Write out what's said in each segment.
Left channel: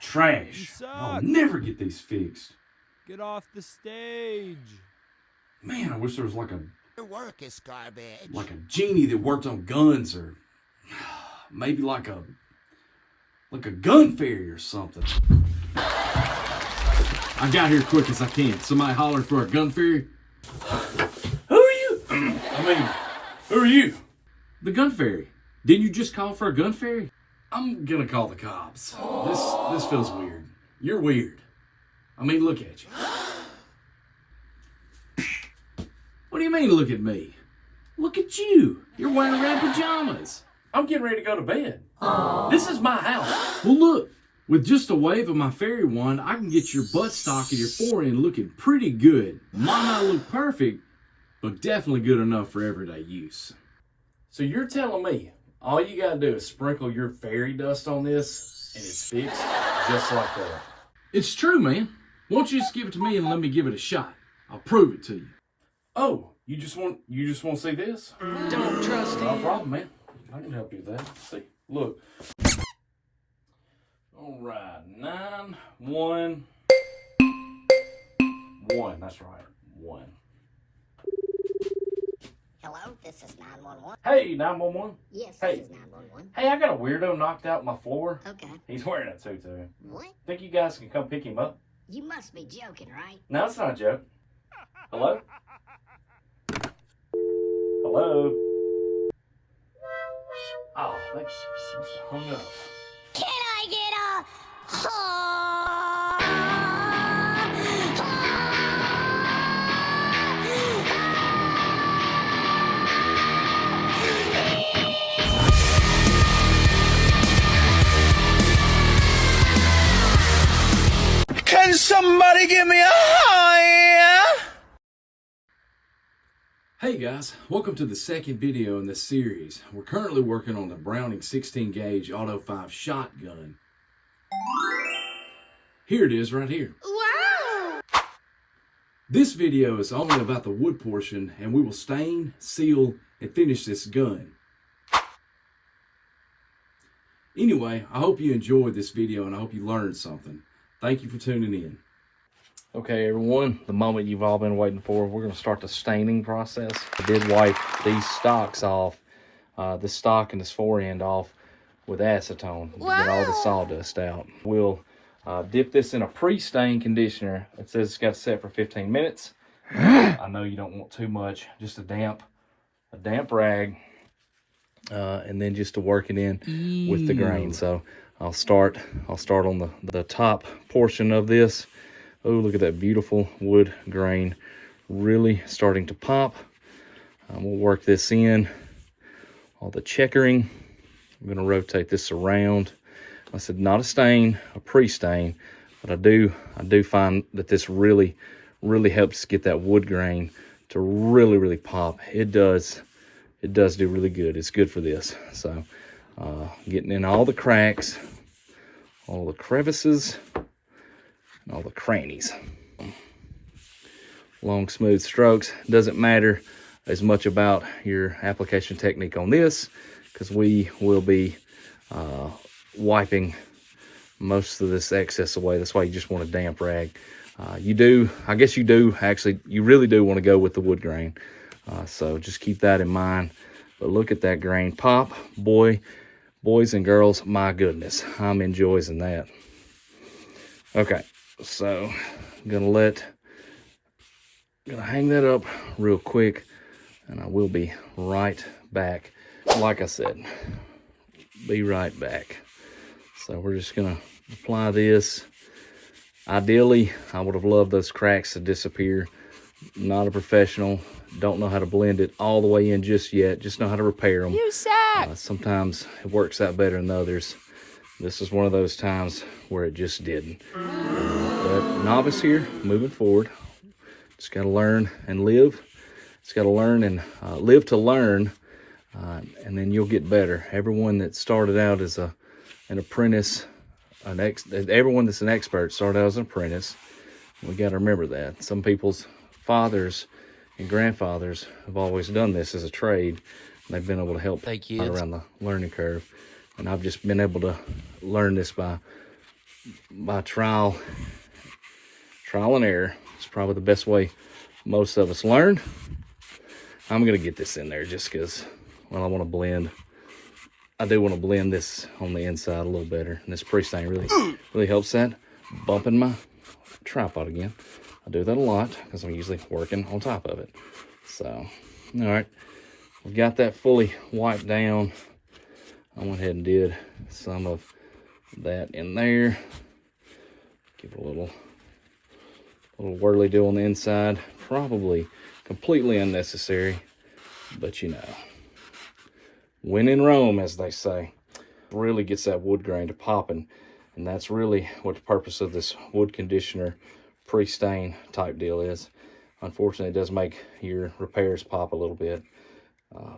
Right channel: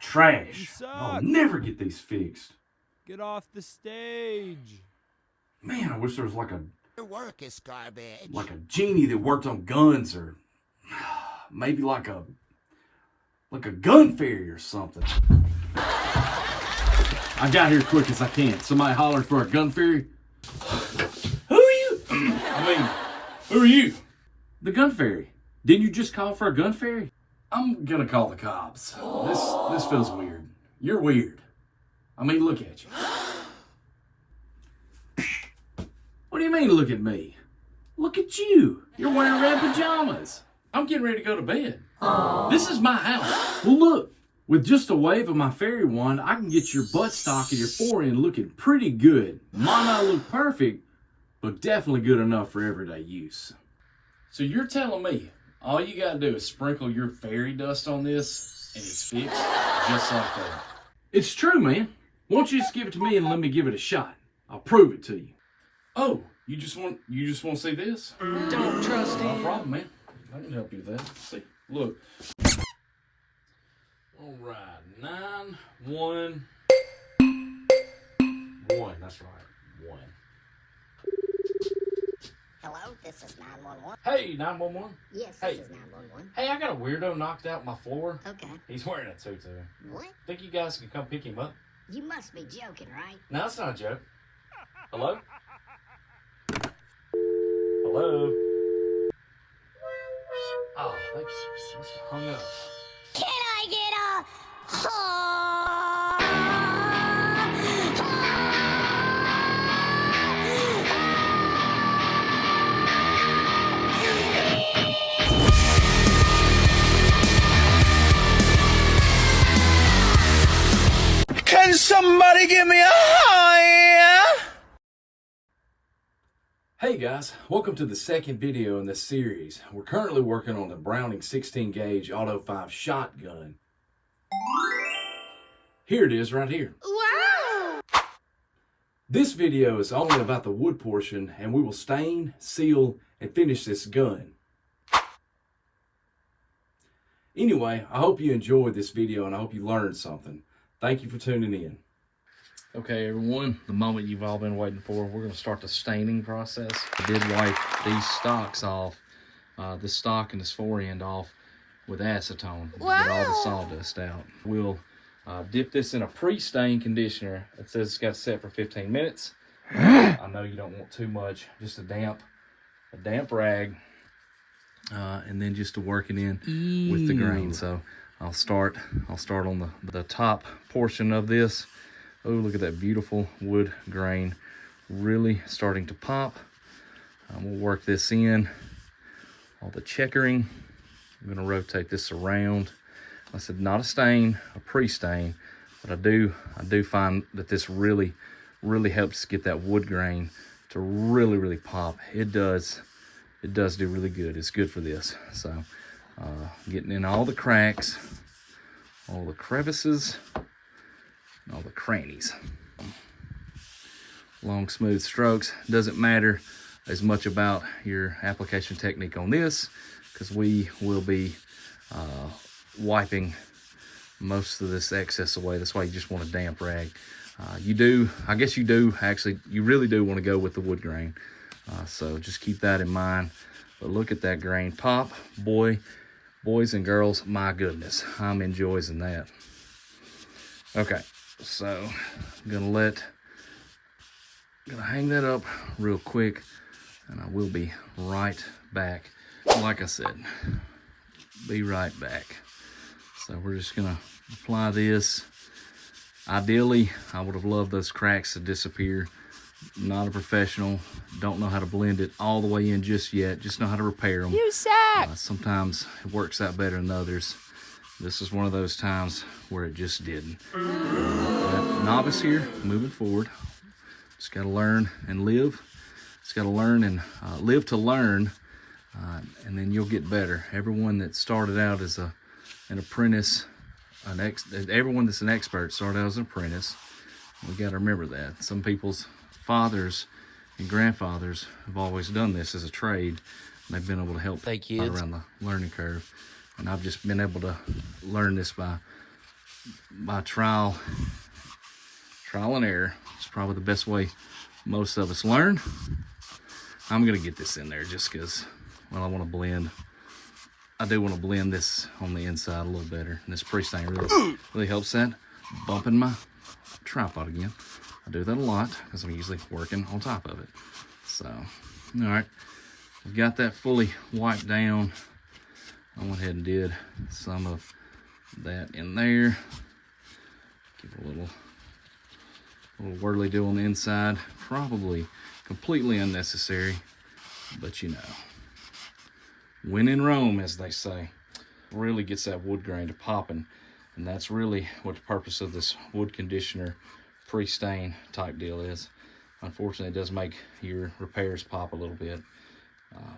Trash. I'll never get these fixed. Get off the stage. Man, I wish there was like a Your work is garbage. genie that worked on guns, or maybe like a gun fairy or something. I got here quick as I can. Somebody hollered for a gun fairy. Who are you? Who are you? The gun fairy. Didn't you just call for a gun fairy? I'm gonna call the cops. This feels weird. You're weird. I mean, look at you. What do you mean, look at me? Look at you. You're wearing red pajamas. I'm getting ready to go to bed. This is my house. Well, look. With just a wave of my fairy wand, I can get your buttstock and your forend looking pretty good. Might not look perfect, but definitely good enough for everyday use. So you're telling me all you gotta do is sprinkle your fairy dust on this and it's fixed just like that? It's true, man. Won't you just give it to me and let me give it a shot? I'll prove it to you. Oh, you just want to see this? Don't trust him. No problem, man. I can help you with that. See, look. All right, 9, 1, 1. That's right, 1. Hello, this is 911. Hey, 911. Yes, Hey. this is 911. Hey, I got a weirdo knocked out my floor. Okay. He's wearing a tutu. What? Think you guys can come pick him up? You must be joking, right? No, it's not a joke. Hello? Hello? Oh, thanks. It's hung up. Can I get a... Can somebody give me a high? Hey guys, welcome to the second video in this series. We're currently working on the Browning 16 gauge Auto-5 shotgun. Here it is right here. Wow! This video is only about the wood portion, and we will stain, seal, and finish this gun. Anyway, I hope you enjoyed this video and I hope you learned something. Thank you for tuning in. Okay, everyone, the moment you've all been waiting for, we're going to start the staining process. I did wipe these stocks off, this stock and this forend off with acetone to get all the sawdust out. We'll dip this in a pre-stain conditioner. It says it's got set for 15 minutes. I know you don't want too much, just a damp rag, and then just to work it in with the grain. So I'll start on the top portion of this. Oh, look at that beautiful wood grain, really starting to pop. We'll work this in, all the checkering. I'm gonna rotate this around. I said not a stain, a pre-stain, but I do find that this really helps get that wood grain to really pop. It does do really good. It's good for this. So getting in all the cracks, all the crevices, all the crannies. Long smooth strokes. Doesn't matter as much about your application technique on this, because we will be wiping most of this excess away. That's why you just want a damp rag. I guess you really do want to go with the wood grain. So just keep that in mind. But look at that grain pop. Boys and girls, my goodness, I'm enjoying that. Okay, so I'm gonna hang that up real quick, and I will be right back. Like I said, be right back. So we're just gonna apply this. Ideally, I would have loved those cracks to disappear. Not a professional, don't know how to blend it all the way in just yet, just know how to repair them. You suck! Sometimes it works out better than others. This is one of those times where it just didn't. But novice here, moving forward. Just got to learn and live. Just got to learn and live to learn, and then you'll get better. Everyone that started out as an apprentice, everyone that's an expert started out as an apprentice. We got to remember that. Some people's fathers and grandfathers have always done this as a trade, and they've been able to help around the learning curve. And I've just been able to learn this by by trial and error. It's probably the best way most of us learn. I'm gonna get this in there just because, well, I want to blend. I do want to blend this on the inside a little better, and this pre-stain really helps that. Bumping my tripod again. I do that a lot because I'm usually working on top of it. So, all right, we've got that fully wiped down. I went ahead and did some of that in there. Give it a little whirly do on the inside. Probably completely unnecessary, but you know, when in Rome, as they say, really gets that wood grain to popping, and that's really what the purpose of this wood conditioner pre-stain type deal is. Unfortunately, it does make your repairs pop a little bit,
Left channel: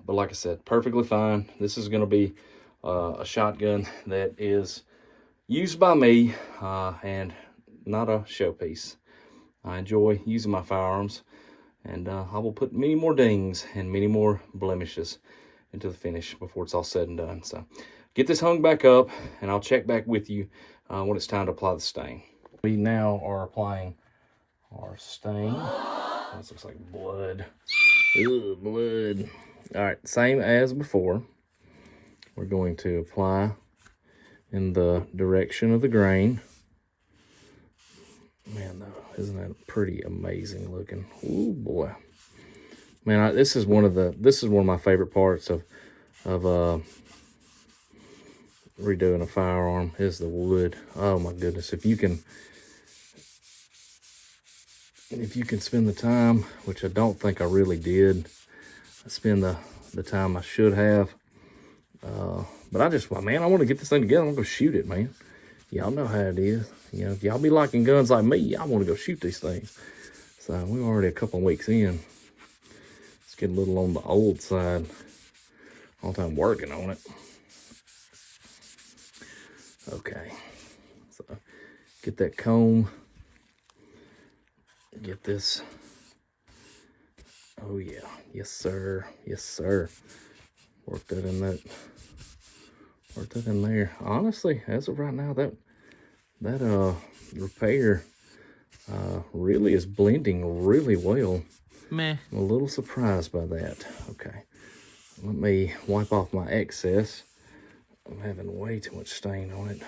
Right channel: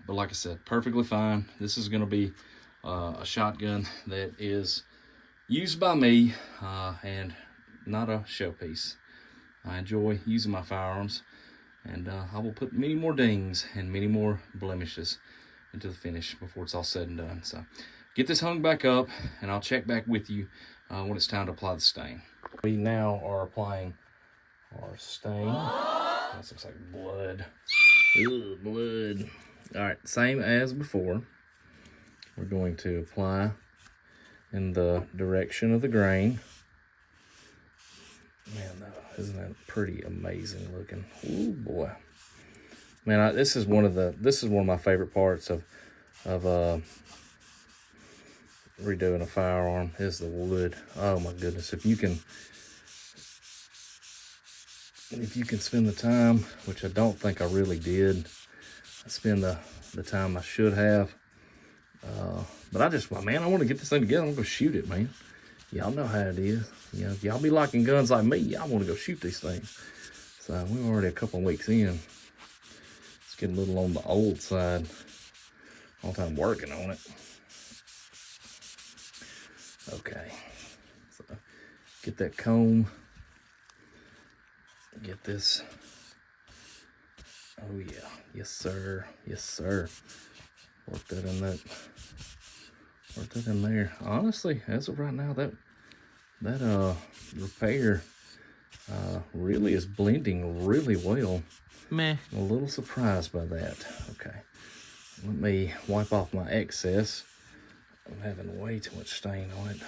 but like I said, perfectly fine. This is going to be a shotgun that is used by me and not a showpiece. I enjoy using my firearms, and I will put many more dings and many more blemishes into the finish before it's all said and done. So get this hung back up, and I'll check back with you when it's time to apply the stain. We now are applying our stain. This looks like blood. Ooh, blood. All right, same as before. We're going to apply in the direction of the grain. Man, isn't that pretty amazing looking? Ooh, boy. Man, this is one of my favorite parts of redoing a firearm is the wood. Oh my goodness, if you can spend the time, which I don't think I really did, spend the time I should have. But man, I want to get this thing together. I'm gonna go shoot it, man. Y'all know how it is. You know, if y'all be liking guns like me, y'all want to go shoot these things. So we're already a couple of weeks in. It's getting a little on the old side. All the time working on it. Okay. So get that comb. Get this. Oh yeah. Yes, sir. Yes, sir. Work that in there. Honestly, as of right now, that repair really is blending really well. Meh. I'm a little surprised by that. Okay. Let me wipe off my excess. I'm having way too much stain on it.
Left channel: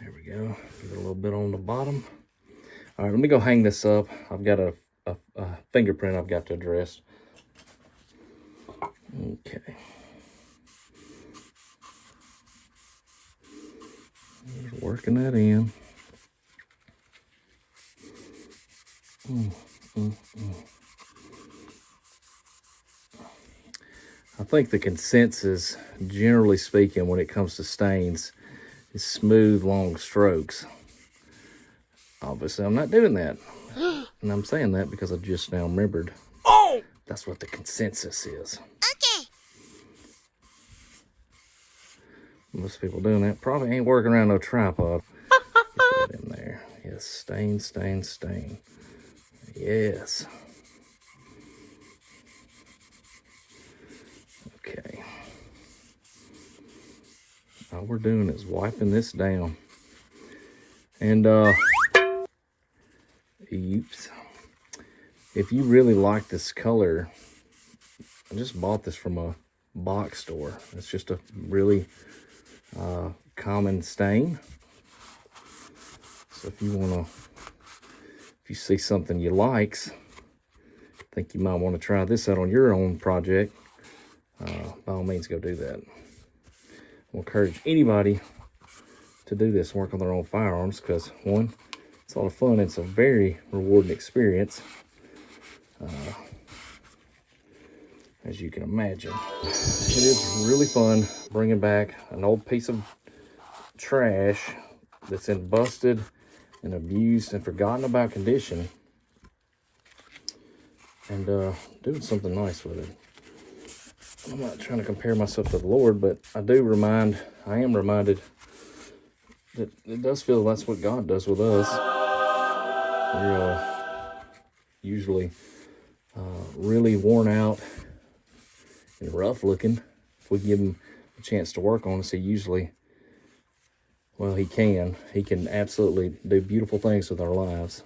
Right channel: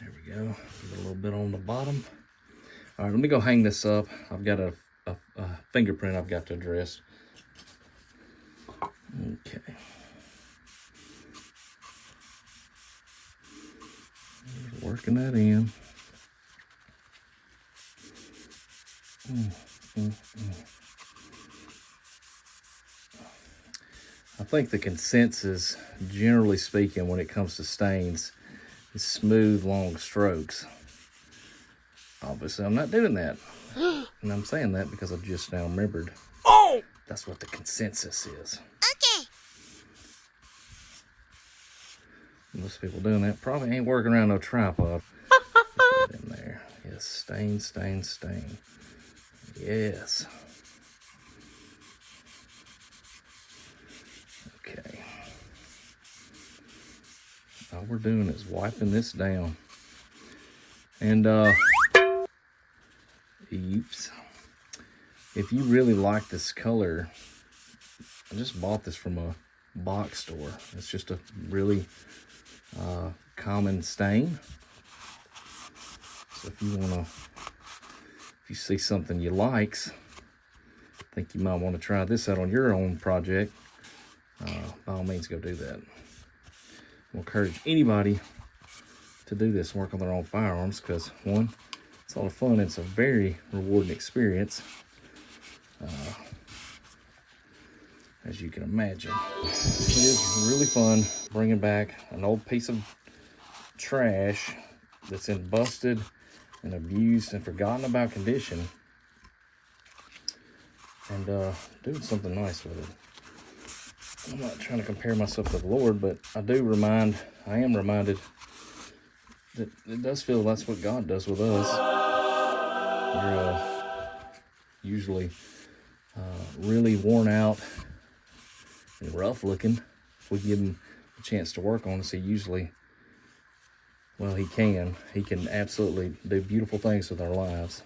There we go. Give it a little bit on the bottom. All right, let me go hang this up. I've got a fingerprint I've got to address. Okay. Just working that in. I think the consensus, generally speaking, when it comes to stains, is smooth, long strokes. Obviously, I'm not doing that. And I'm saying that because I just now remembered. Oh! That's what the consensus is. Okay. Most people doing that probably ain't working around no tripod. Get that in there. Yes, stain, stain, stain. Yes. Okay. All we're doing is wiping this down. And, oops. If you really like this color, I just bought this from a box store. It's just a really common stain. So if you see something you likes, think you might want to try this out on your own project, by all means go do that. I'll encourage anybody to do this, work on their own firearms, because one, it's a lot of fun and it's a very rewarding experience, as you can imagine. It is really fun bringing back an old piece of trash that's in busted and abused and forgotten about condition, and doing something nice with it. I'm not trying to compare myself to the Lord, but I am reminded that it does feel that's what God does with us. We're usually really worn out and rough looking. If we give him a chance to work on us, he usually Well, he can. He can absolutely do beautiful things with our lives.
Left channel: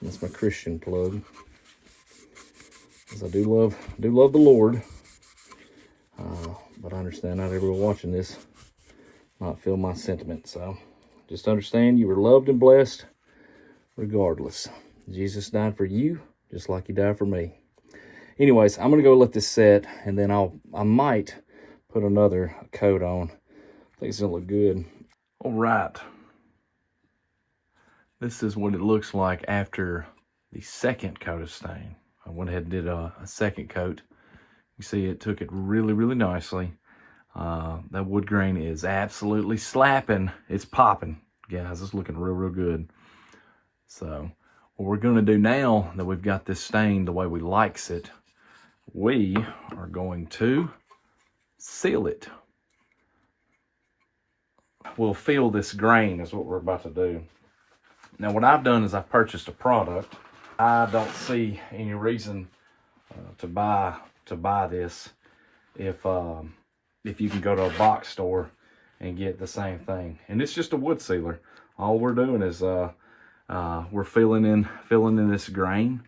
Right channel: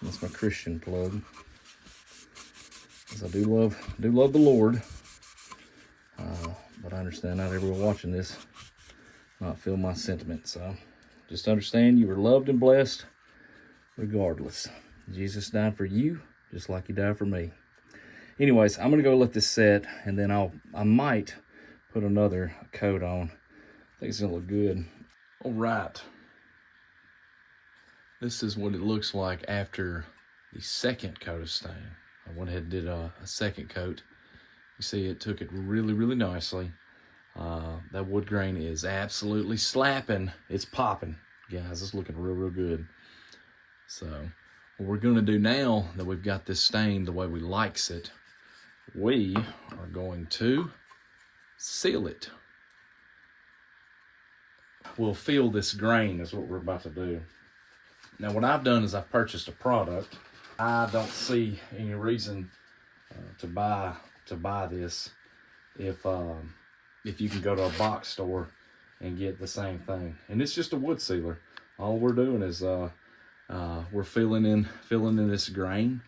That's my Christian plug. Because I do love the Lord. But I understand not everyone watching this might feel my sentiment. So just understand you were loved and blessed regardless. Jesus died for you just like he died for me. Anyways, I'm gonna go let this set, and then I might put another coat on. I think it's gonna look good. All right. This is what it looks like after the second coat of stain. I went ahead and did a second coat. You see it took it really, really nicely. That wood grain is absolutely slapping. It's popping, guys. It's looking real, real good. So what we're gonna do now that we've got this stain the way we likes it, we are going to seal it. We'll fill this grain is what we're about to do. Now what I've done is I've purchased a product. I don't see any reason to buy this if you can go to a box store and get the same thing. And it's just a wood sealer. All we're doing is we're filling in this grain,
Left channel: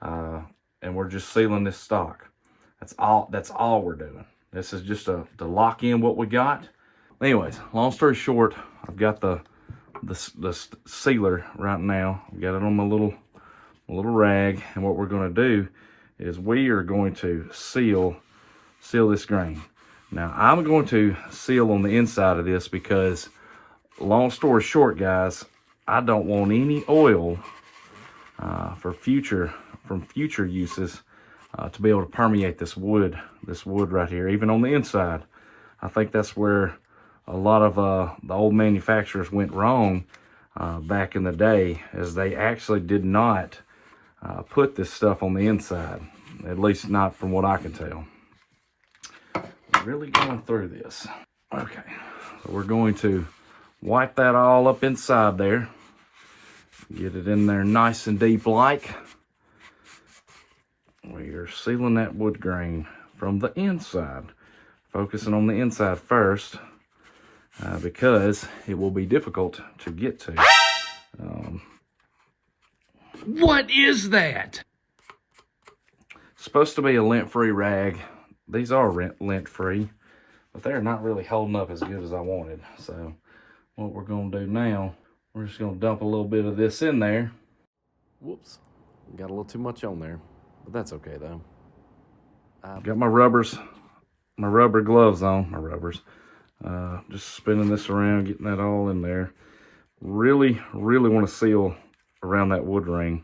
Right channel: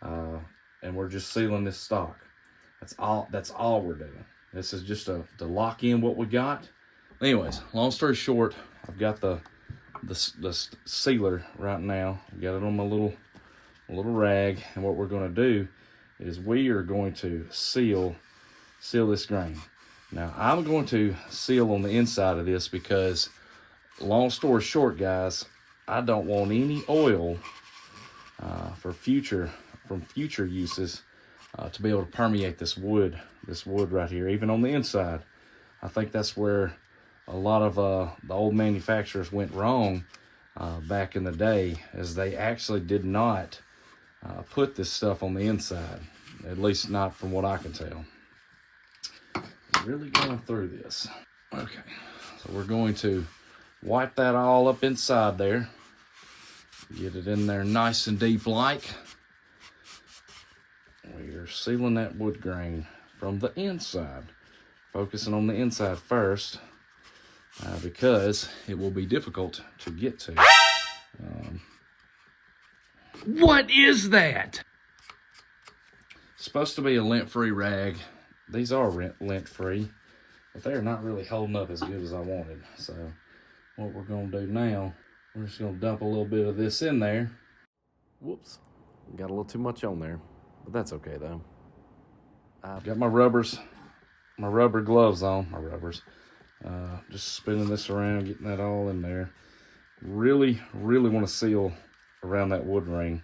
and we're just sealing this stock. That's all we're doing. This is just to lock in what we got. Anyways, long story short, I've got the sealer right now. I've got it on my little rag, and what we're going to do is we are going to seal this grain. Now I'm going to seal on the inside of this because, long story short, guys, I don't want any oil from future uses to be able to permeate this wood right here, even on the inside. I think that's where a lot of the old manufacturers went wrong back in the day, as they actually did not put this stuff on the inside, at least not from what I can tell. Really going through this. Okay, so we're going to wipe that all up inside there. Get it in there nice and deep like. We're sealing that wood grain from the inside. Focusing on the inside first, because it will be difficult to get to. What is that? It's supposed to be a lint-free rag. These are lint-free, but they're not really holding up as good as I wanted. So what we're going to do now, we're just going to dump a little bit of this in there. Whoops, got a little too much on there, but that's okay though. I've got my rubber gloves on, just spinning this around, getting that all in there. Really, really want to seal around that wood ring.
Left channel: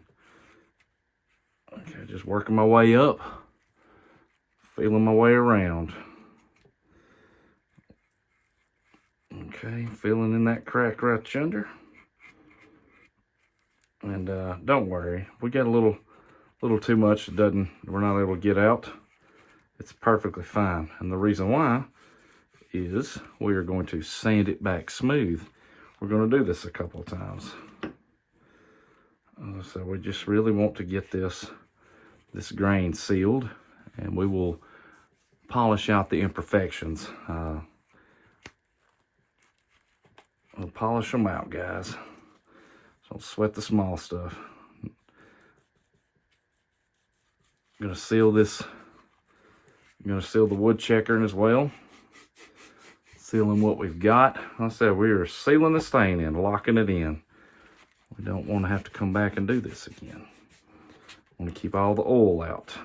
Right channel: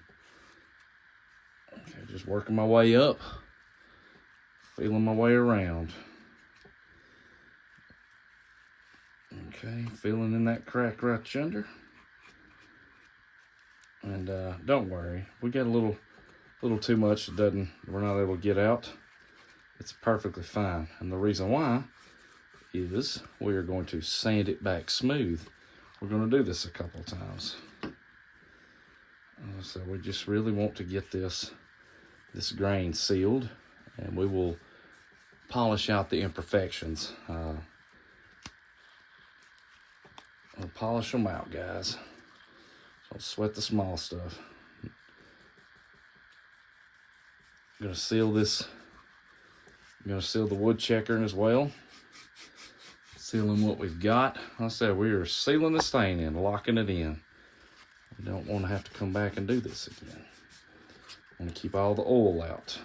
Okay, just working my way up, feeling my way around. Okay, filling in that crack right yonder. And don't worry, if we got a little too much we're not able to get out, it's perfectly fine. And the reason why is we are going to sand it back smooth. We're going to do this a couple of times. So we just really want to get this grain sealed, and we will polish out the imperfections. We'll polish them out, guys. Don't sweat the small stuff. I'm going to seal this. I'm going to seal the wood checkering as well. Sealing what we've got. Like I said, we are sealing the stain in, locking it in. We don't want to have to come back and do this again. I want to keep all the oil out.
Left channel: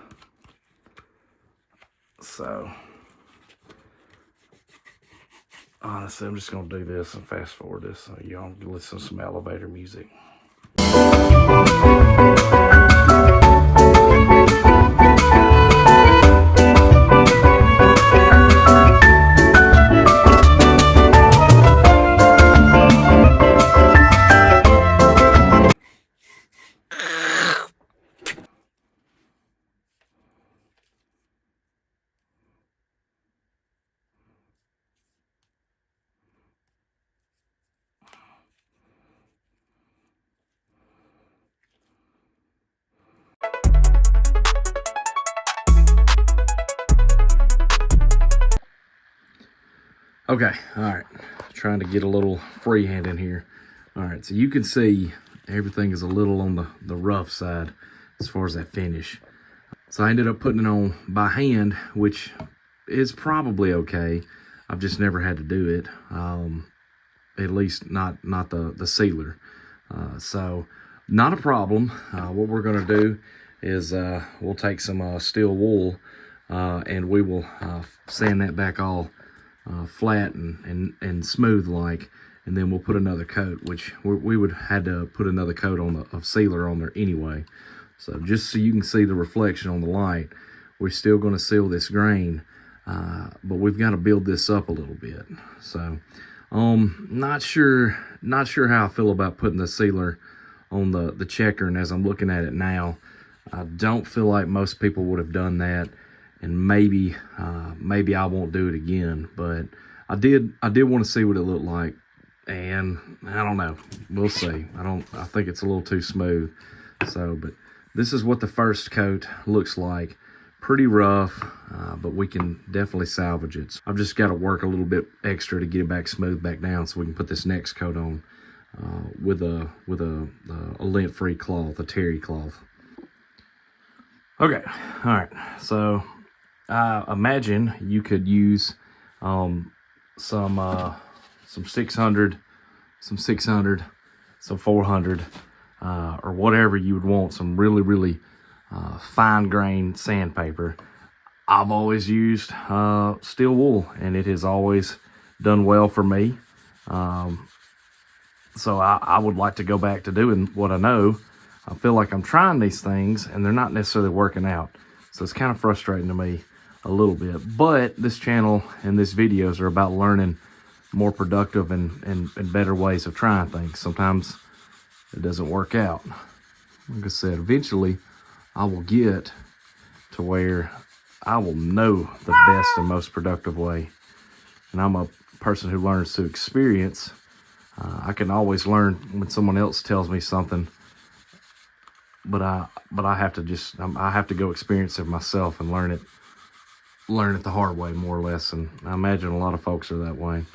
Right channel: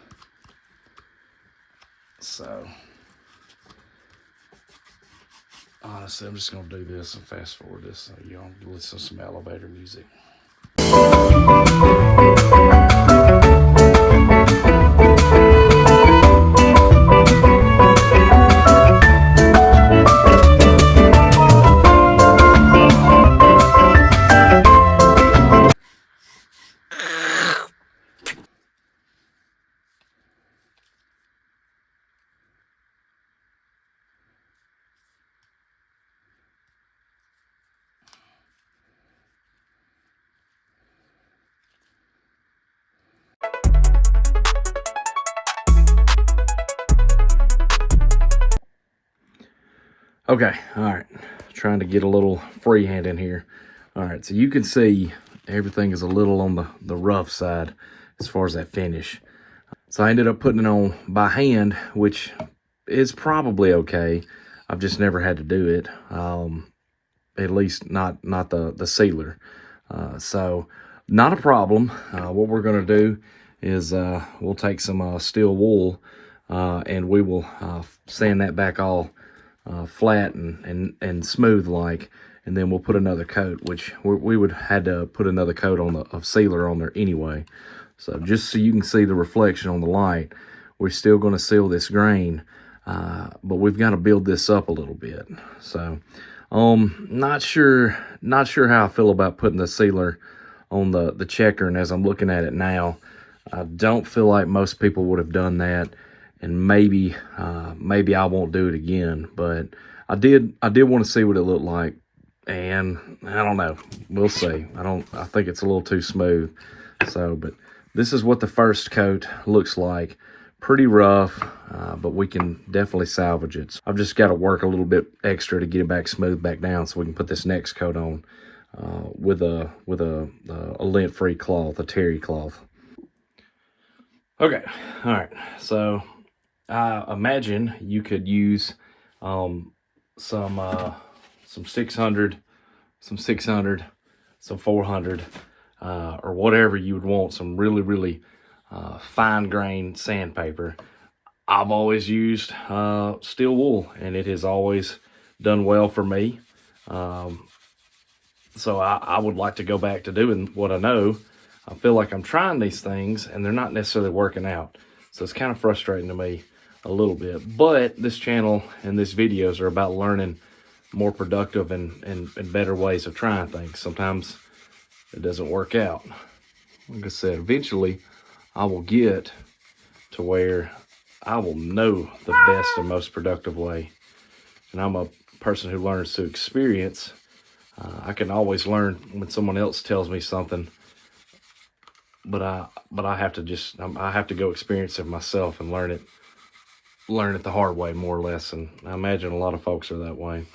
So, honestly, I'm just going to do this and fast forward this so y'all can listen to some elevator music. Okay, all right. Trying to get a little freehand in here. All right, so you can see everything is a little on the rough side as far as that finish. So I ended up putting it on by hand, which is probably okay. I've just never had to do it, at least not the sealer. So not a problem. What we're gonna do is we'll take some steel wool and we will sand that back all flat and smooth like, and then we'll put another coat, which we would had to put another coat on of sealer on there anyway. So just so you can see the reflection on the light, we're still going to seal this grain, but we've got to build this up a little bit. So not sure how I feel about putting the sealer on the checker, and as I'm looking at it now, I don't feel like most people would have done that. And maybe I won't do it again, but I did want to see what it looked like, and I don't know. We'll see. I think it's a little too smooth. So, but this is what the first coat looks like. Pretty rough, but we can definitely salvage it. I've just got to work a little bit extra to get it back smooth back down, so we can put this next coat on with a lint-free cloth, a terry cloth. Okay, all right. So imagine you could use some 600, some 400, or whatever you would want, some really fine grained sandpaper. I've always used steel wool, and it has always done well for me. So I would like to go back to doing what I know. I feel like I'm trying these things and they're not necessarily working out. So it's kind of frustrating to me a little bit. But this channel and these videos are about learning more productive and better ways of trying things. Sometimes it doesn't work out. Like I said, eventually I will get to where I will know the best and most productive way. And I'm a person who learns through experience. I can always learn when someone else tells me something, but I have to go experience it myself and learn it the hard way, more or less. And I imagine a lot of folks are that way.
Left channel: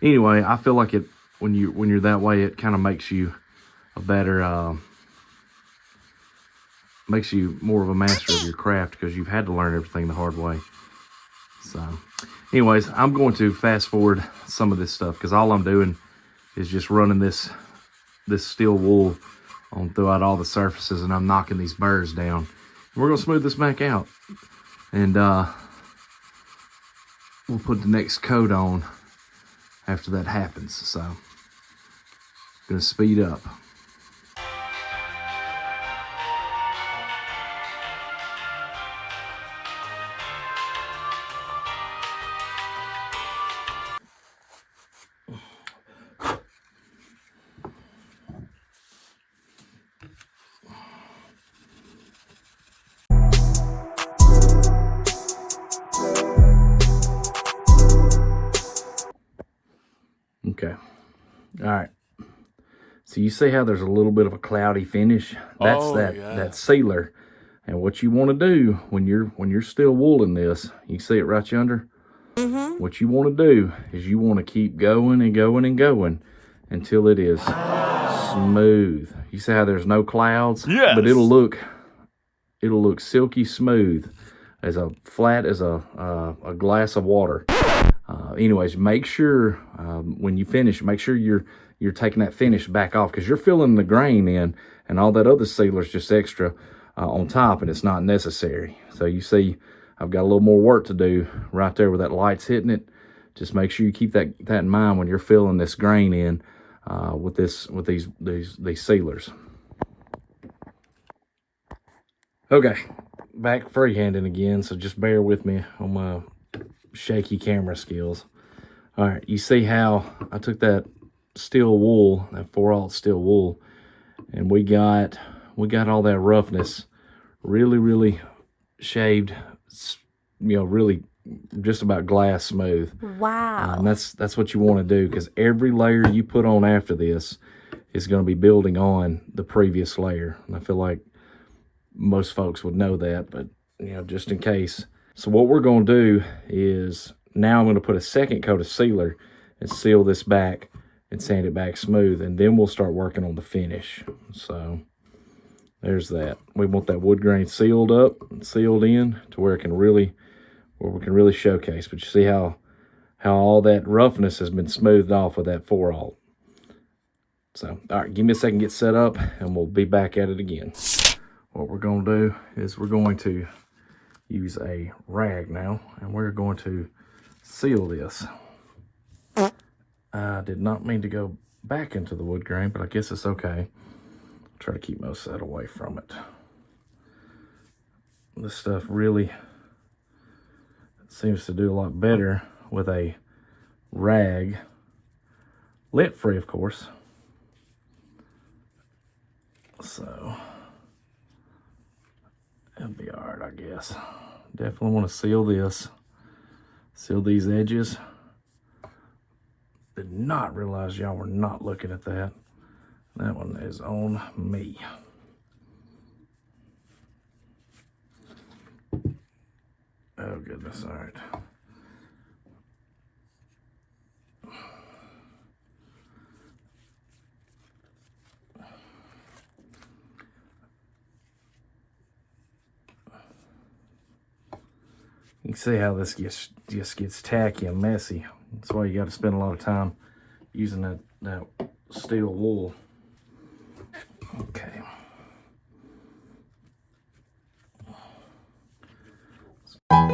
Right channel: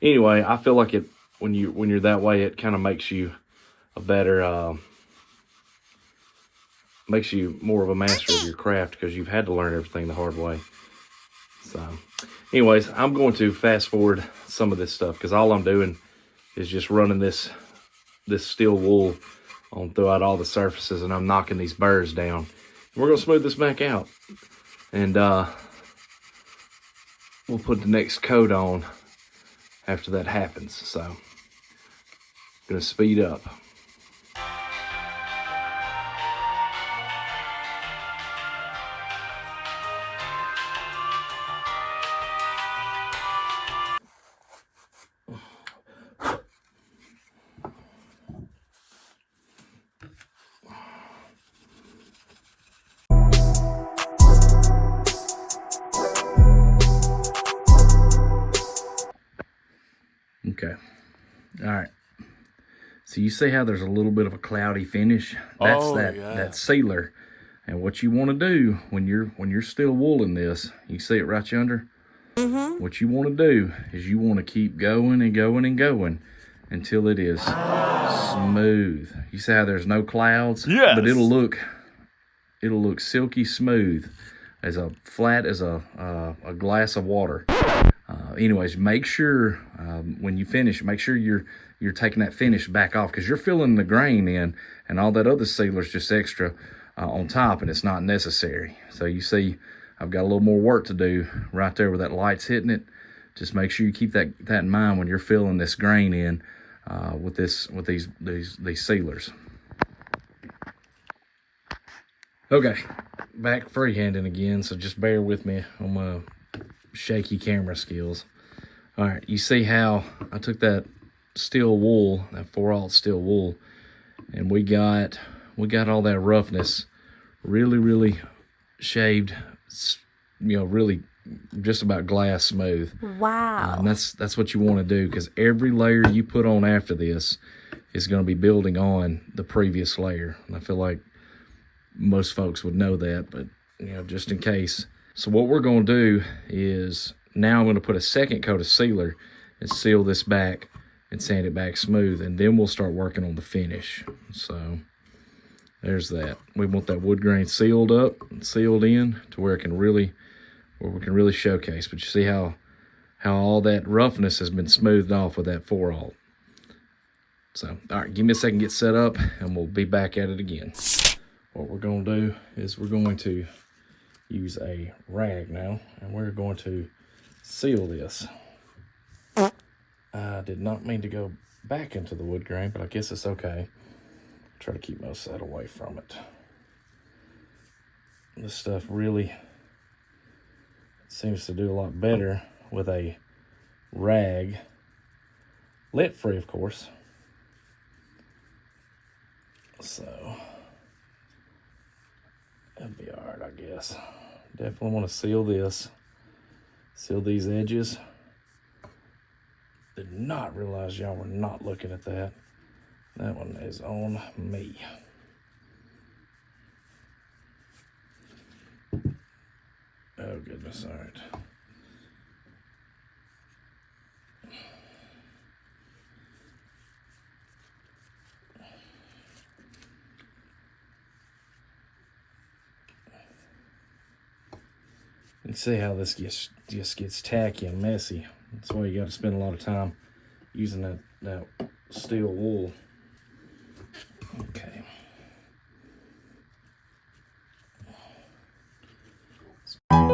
Anyway, I feel like when you're that way, it kind of makes you a better, makes you more of a master of your craft, because you've had to learn everything the hard way. So anyways, I'm going to fast forward some of this stuff, because all I'm doing is just running this steel wool on throughout all the surfaces, and I'm knocking these burrs down. We're going to smooth this back out, and we'll put the next coat on after that happens. So I'm going to speed up. Okay. All right. So you see how there's a little bit of a cloudy finish? That's that sealer. And what you want to do when you're still wooling this, you see it right yonder? Mm-hmm. What you want to do is you want to keep going and going and going until it is smooth. You see how there's no clouds? Yes. But it'll look silky smooth, as flat as a glass of water. Anyways, make sure when you finish, make sure you're taking that finish back off, because you're filling the grain in, and all that other sealer is just extra on top, and it's not necessary. So you see, I've got a little more work to do right there where that light's hitting it. Just make sure you keep that in mind when you're filling this grain in with these sealers. Okay, back freehanding again, so just bear with me on my shaky camera skills. All right, you see how I took that steel wool, that 4/0 steel wool, and we got all that roughness really shaved, really just about glass smooth. Wow. And that's what you want to do, because every layer you put on after this is going to be building on the previous layer. And I feel like most folks would know that, but just in case. So what we're going to do is now I'm going to put a second coat of sealer and seal this back and sand it back smooth, and then we'll start working on the finish. So there's that. We want that wood grain sealed up and sealed in to where we can really showcase. But you see how all that roughness has been smoothed off with that 4-aught. So, all right, give me a second to get set up, and we'll be back at it again. What we're going to do is we're going to use a rag now, and we're going to seal this. I did not mean to go back into the wood grain, but I guess it's okay. Try to keep most of that away from it. This stuff really seems to do a lot better with a rag, lint free, of course. So it'll be all right, I guess. Definitely want to seal this, seal these edges. Did not realize y'all were not looking at that. That one is on me. Oh goodness, all right. You can see how this just gets tacky and messy. That's why you got to spend a lot of time using that steel wool. Okay. I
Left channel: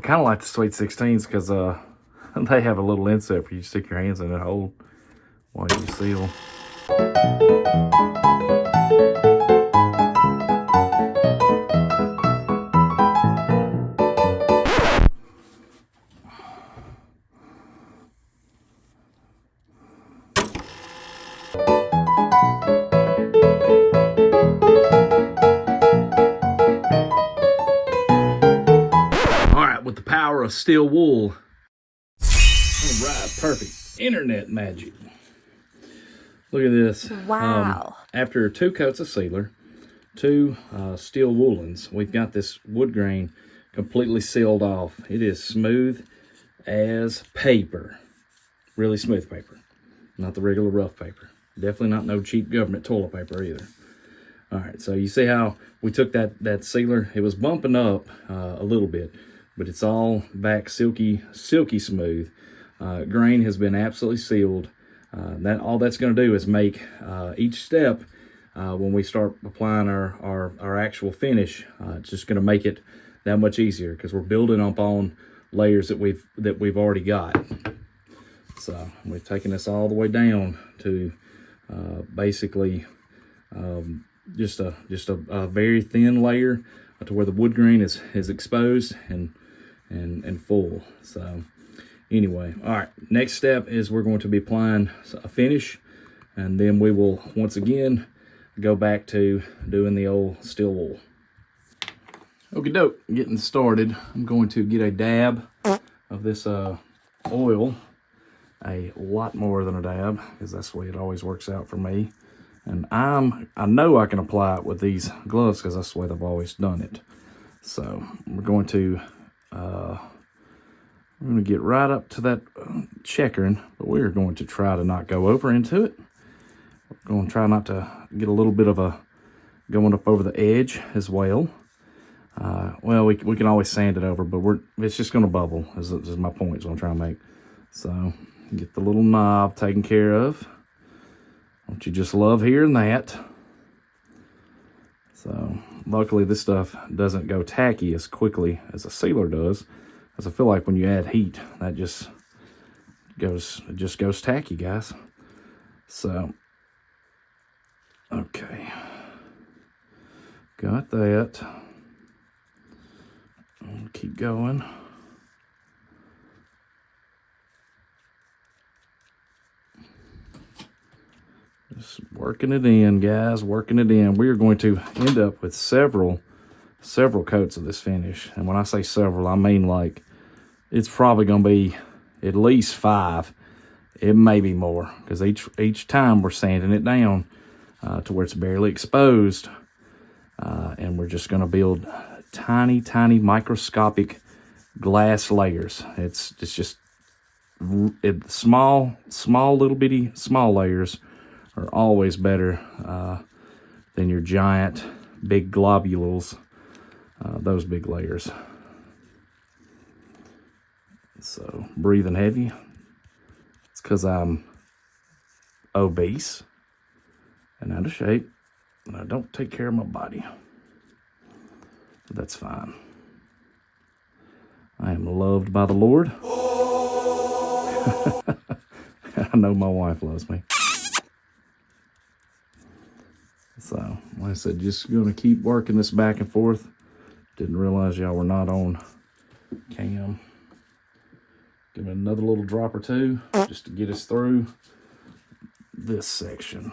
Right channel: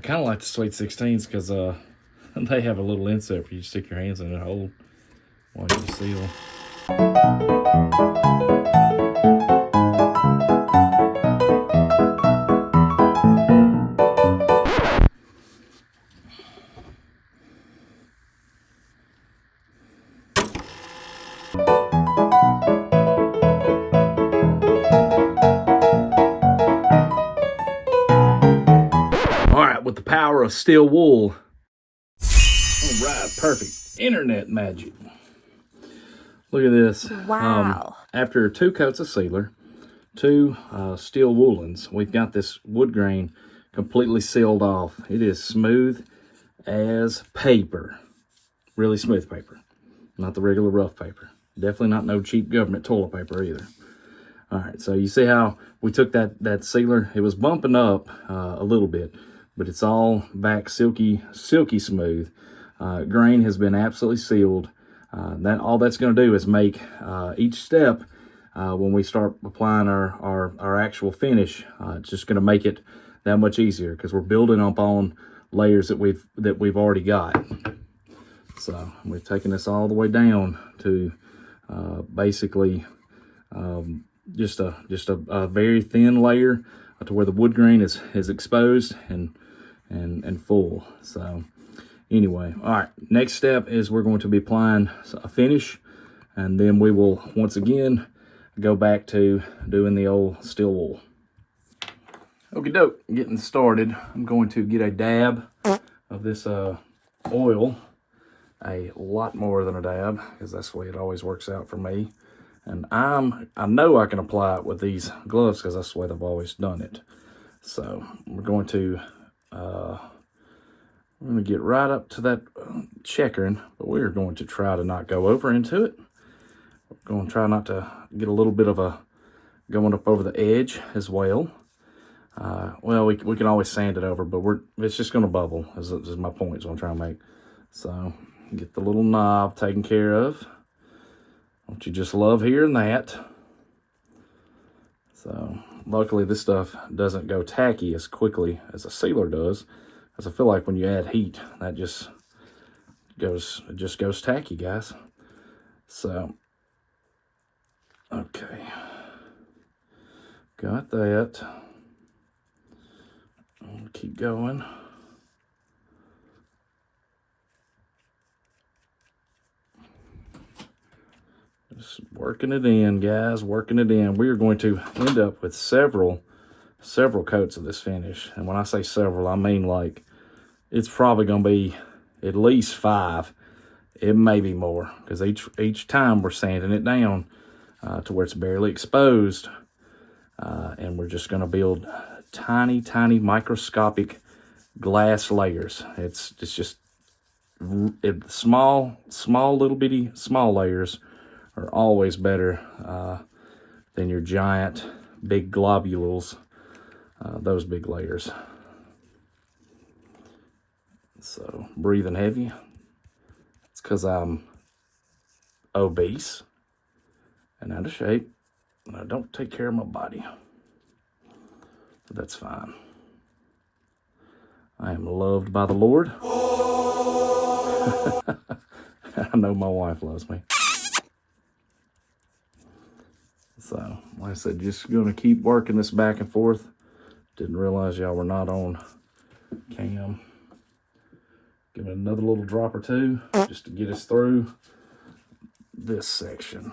kind of like the Sweet 16s because they have a little inset for you to stick your hands in and hold while you seal. With the power of steel wool. All right, perfect. Internet magic. Look at this. Wow. After 2 coats of sealer, 2 steel woolens, we've got this wood grain completely sealed off. It is smooth as paper. Really smooth paper. Not the regular rough paper. Definitely not no cheap government toilet paper either. All right, so you see how we took that sealer. It was bumping up a little bit, but it's all back silky smooth. Grain has been absolutely sealed. All that's going to do is make each step when we start applying our actual finish. It's just going to make it that much easier because we're building up on layers that we've already got. So we're taking this all the way down to basically just a very thin layer to where the wood grain is exposed and full. So anyway, all right, next step is we're going to be applying a finish, and then we will once again go back to doing the old steel wool. Okie doke, getting started. I'm going to get a dab of this oil, a lot more than a dab, because that's the way it always works out for me. And I know I can apply it with these gloves because that's the way I've always done it. So we're going to get right up to that checkering, but we're going to try to not go over into it. We're going to try not to get a little bit of going up over the edge as well. Well, we can always sand it over, but it's just going to bubble, is my point, is what I'm trying to make. So get the little knob taken care of. Don't you just love hearing that? So luckily this stuff doesn't go tacky as quickly as a sealer does, because I feel like when you add heat, that just goes tacky, guys. So okay, got that. I'll keep going. Just working it in, guys, working it in. We are going to end up with several coats of this finish. And when I say several, I mean like it's probably going to be at least 5. It may be more, because each time we're sanding it down, to where it's barely exposed. And we're just going to build tiny, tiny microscopic glass layers. It's just small little bitty small layers are always better than your giant big globules, those big layers. So breathing heavy, it's because I'm obese and out of shape and I don't take care of my body. But that's fine. I am loved by the Lord. I know my wife loves me. So, like I said, just going to keep working this back and forth. Didn't realize y'all were not on cam. Give it another little drop or two just to get us through this section.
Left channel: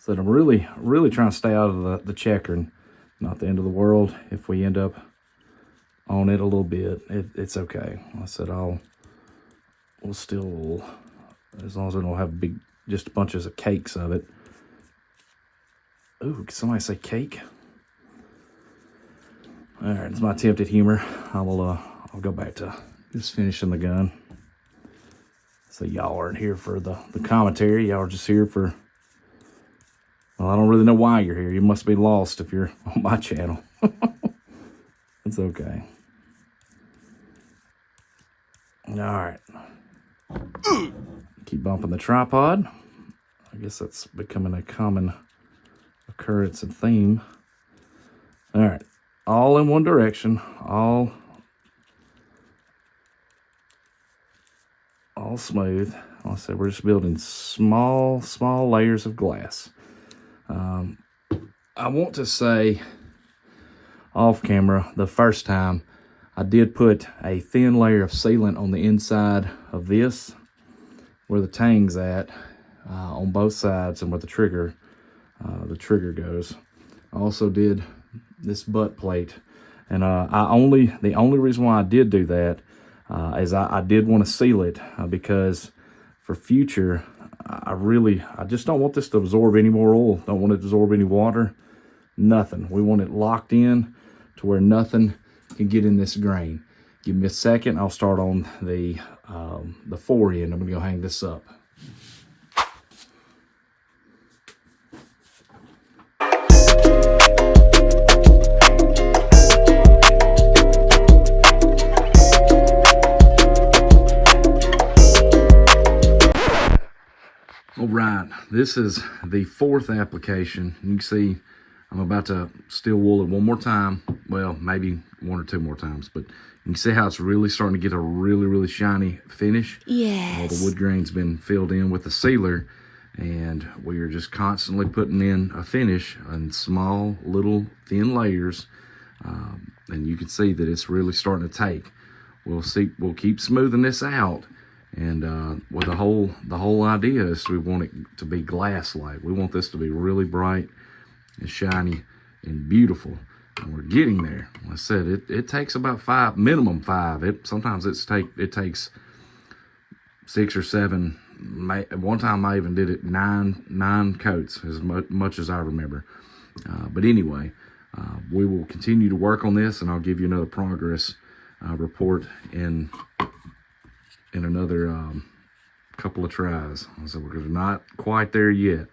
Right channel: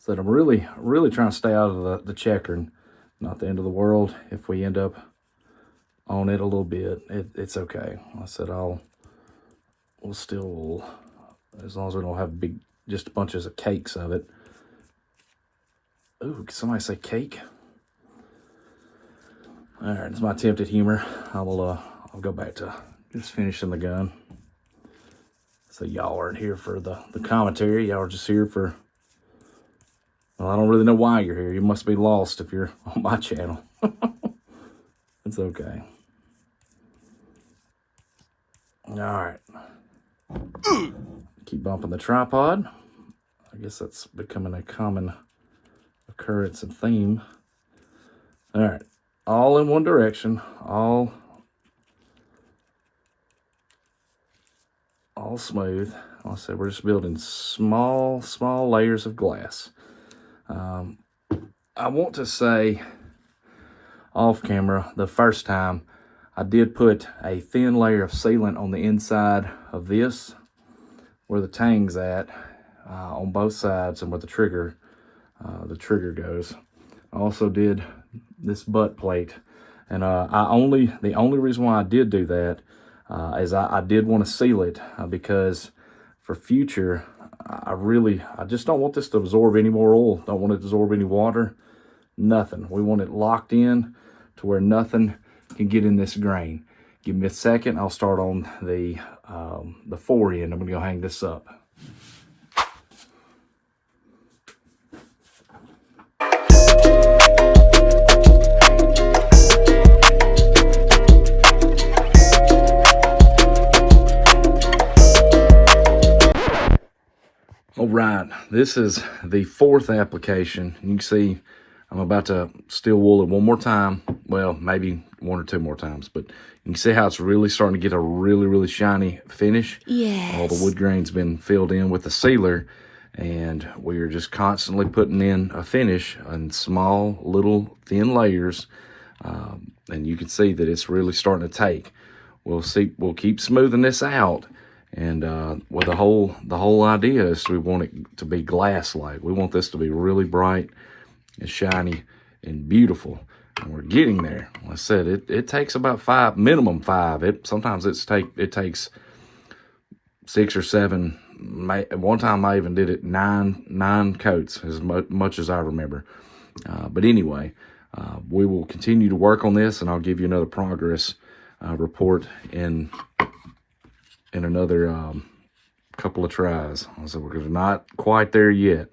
So I'm really, really trying to stay out of the checkering. Not the end of the world if we end up on it a little bit. It's okay. I said we'll still, as long as we don't have just a bunch of cakes of it. Ooh, can somebody say cake? All right, it's my attempted humor. I'll go back to just finishing the gun. So y'all aren't here for the commentary. Y'all are just here for, well, I don't really know why you're here. You must be lost if you're on my channel. It's okay. All right. Keep bumping the tripod. I guess that's becoming a common occurrence and theme. All right. All in one direction. All smooth. Like I said, we're just building small layers of glass. I want to say off camera, the first time I did put a thin layer of sealant on the inside of this, where the tang's at, on both sides, and where the trigger goes. I also did this butt plate, and the only reason why I did do that is I did want to seal it because for future, I just don't want this to absorb any more oil. Don't want it to absorb any water, nothing. We want it locked in to where nothing can get in this grain. Give me a second. I'll start on the forend. I'm going to go hang this up. All right, this is the fourth application. You can see I'm about to steel wool it one more time. Well, maybe one or two more times, but you can see how it's really starting to get a really, really shiny finish. Yes. All the wood grain's been filled in with the sealer, and we are just constantly putting in a finish in small, little, thin layers. And you can see that it's really starting to take. We'll keep smoothing this out. And well, the whole idea is we want it to be glass-like. We want this to be really bright and shiny and beautiful. And we're getting there. Like I said, it takes about minimum five. Sometimes it takes 6 or 7. One time I even did it nine coats, as much as I remember. But anyway, we will continue to work on this, and I'll give you another progress report in another couple of tries. So we're not quite there yet.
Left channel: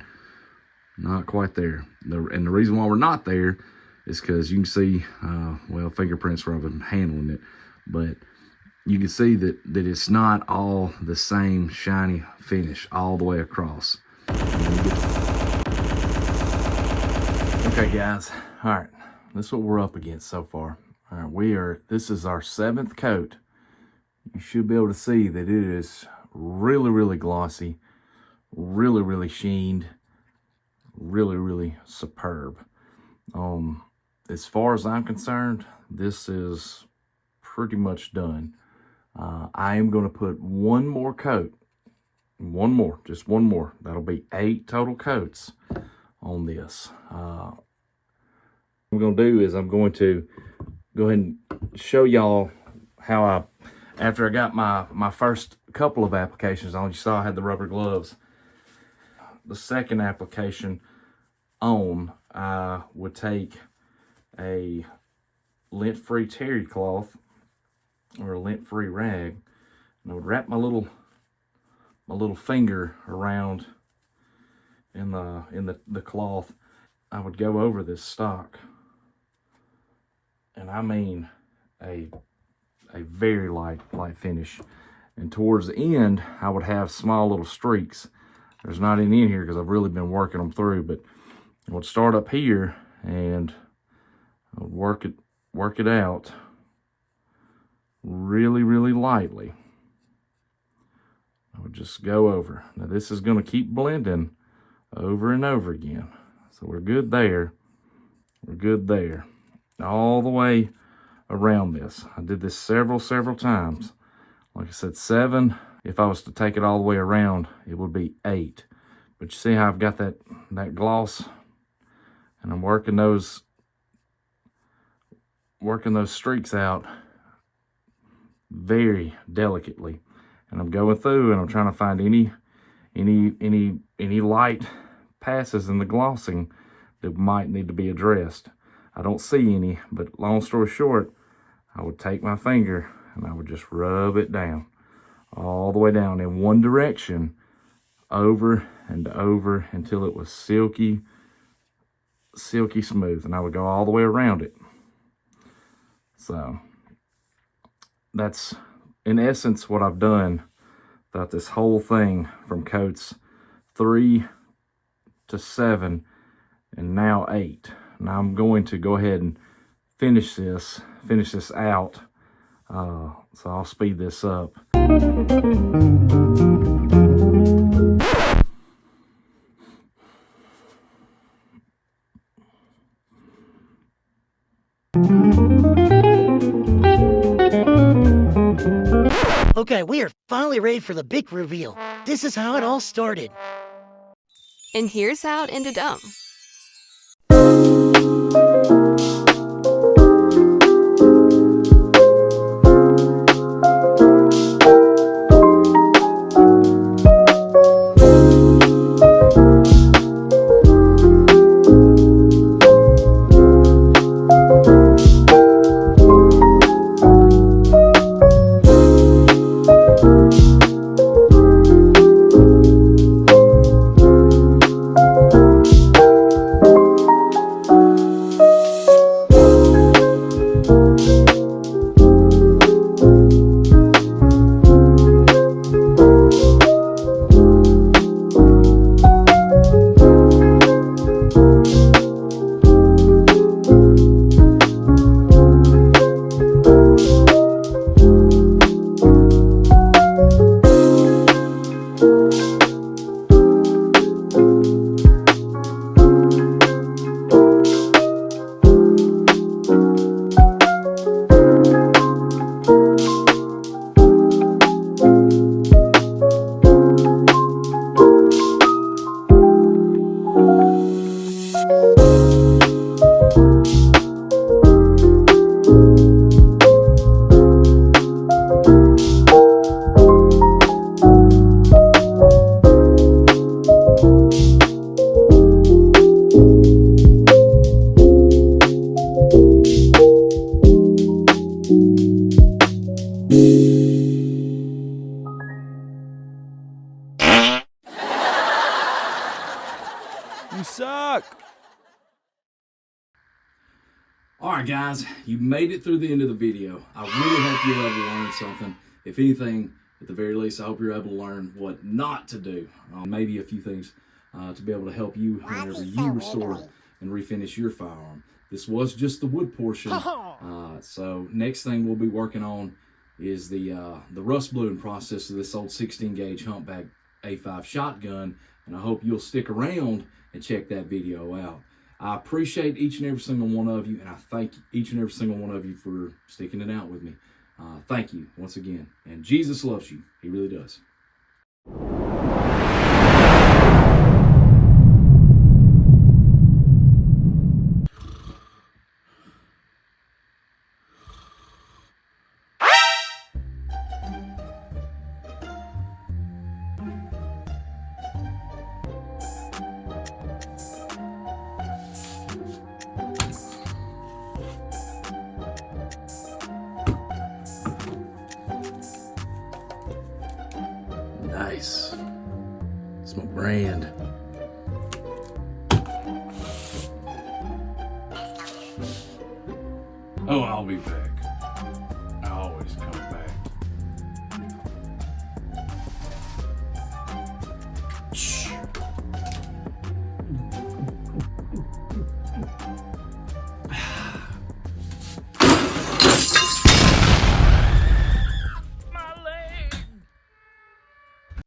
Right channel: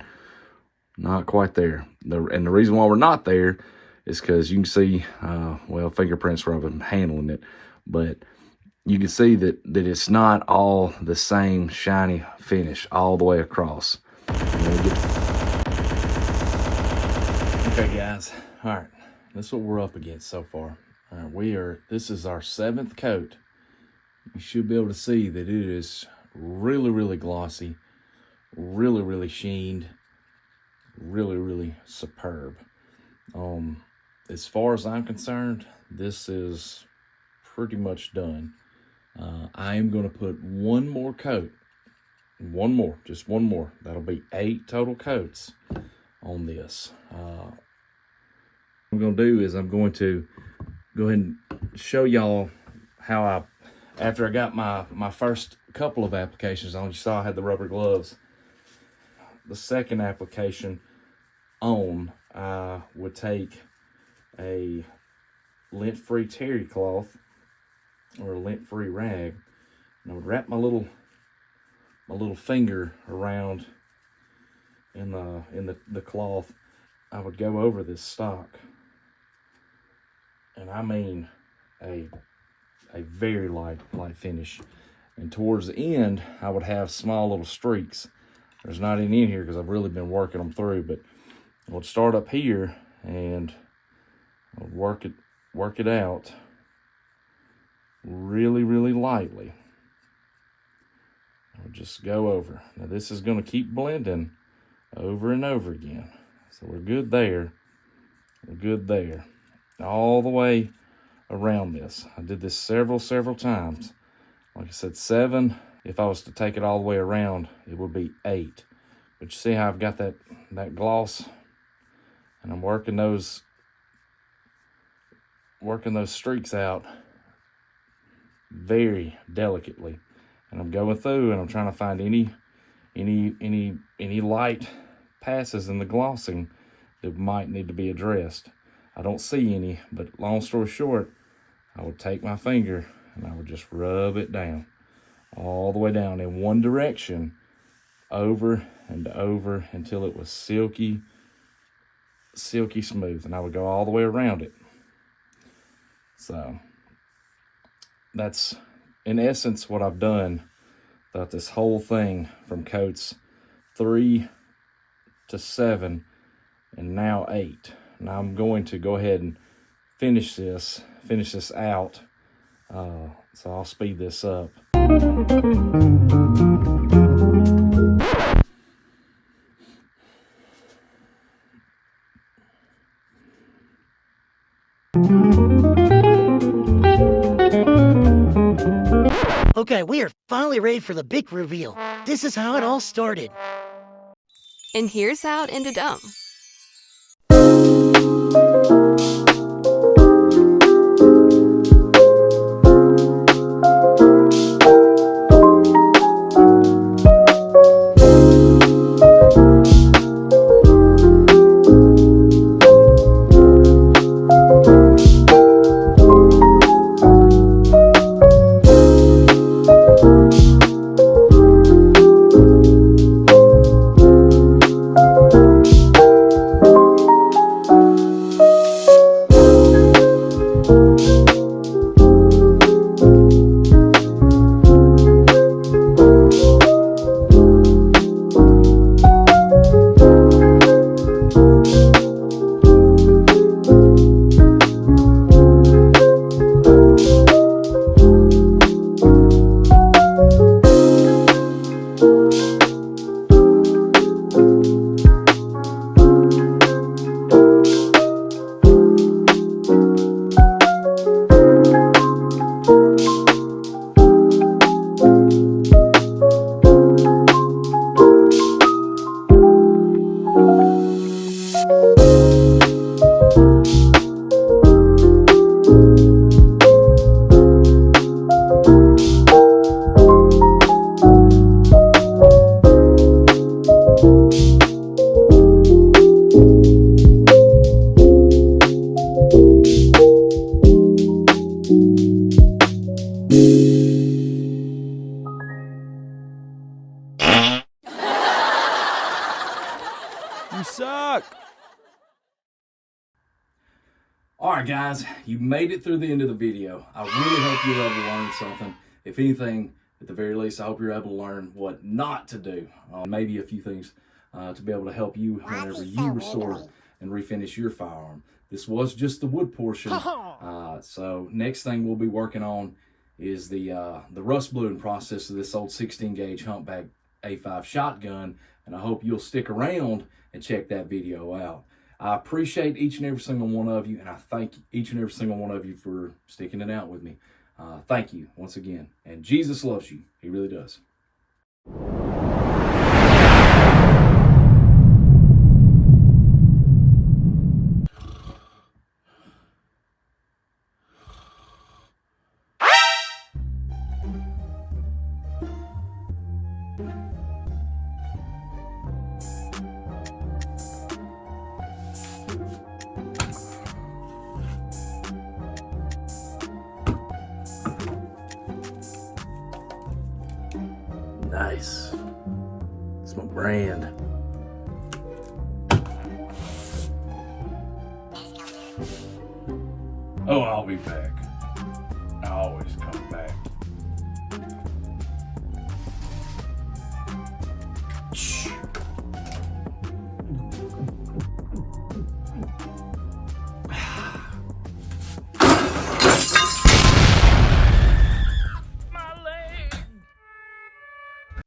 Not quite there. And the reason why we're not there is because you can see, well, fingerprints from them handling it. But you can see that it's not all the same shiny finish all the way across. Okay, guys. All right. That's what we're up against so far. All right, this is our 7th coat. You should be able to see that it is really, really glossy, really, really sheened, really, really superb. As far as I'm concerned, this is pretty much done. I am going to put one more coat, just one more. That'll be 8 total coats on this. What I'm going to do is I'm going to go ahead and show y'all how after I got my first couple of applications on, you saw I had the rubber gloves. the second application on, I would take a lint-free terry cloth or a lint-free rag, and I would wrap my little finger around in the cloth. I would go over this stock, and I mean a very light finish. And towards the end, I would have small little streaks. There's not any in here because I've really been working them through, but I would start up here and I would work it out really, really lightly. I would just go over. Now this is going to keep blending over and over again. So we're good there. We're good there. All the way around this. I did this several times. Like I said, 7. If I was to take it all the way around, it would be 8. But you see how I've got that gloss, and I'm working those streaks out very delicately. And I'm going through and I'm trying to find any light passes in the glossing that might need to be addressed. I don't see any, but long story short, I would take my finger and I would just rub it down, all the way down in one direction, over and over until it was silky smooth, and I would go all the way around it. So that's in essence what I've done throughout this whole thing, from coats 3 to 7 and now 8. Now I'm going to go ahead and finish this out. So I'll speed this up. Okay, we are finally ready for the big reveal. This is how it all started. And here's how it ended up. You suck! Alright guys, you made it through the end of the video. I really hope you were able to learn something. If anything, at the very least, I hope you're able to learn what not to do. Maybe a few things to be able to help you whenever you restore and refinish your firearm. This was just the wood portion. So next thing we'll be working on is the rust bluing process of this old 16 gauge humpback A5 shotgun. And I hope you'll stick around and check that video out. I appreciate each and every single one of you, and I thank each and every single one of you for sticking it out with me. Thank you once again. And Jesus loves you. He really does. Nice. It's my brand. Oh, I'll be back. I always come back. Shh.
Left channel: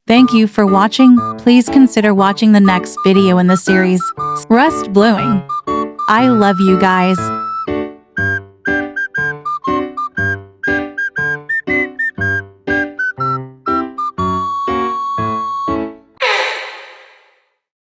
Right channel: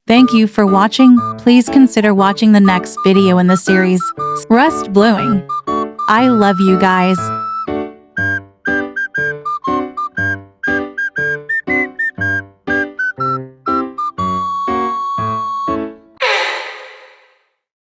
Thank you for watching. Please consider watching the next video in the series, Rust Bluing. I love you guys.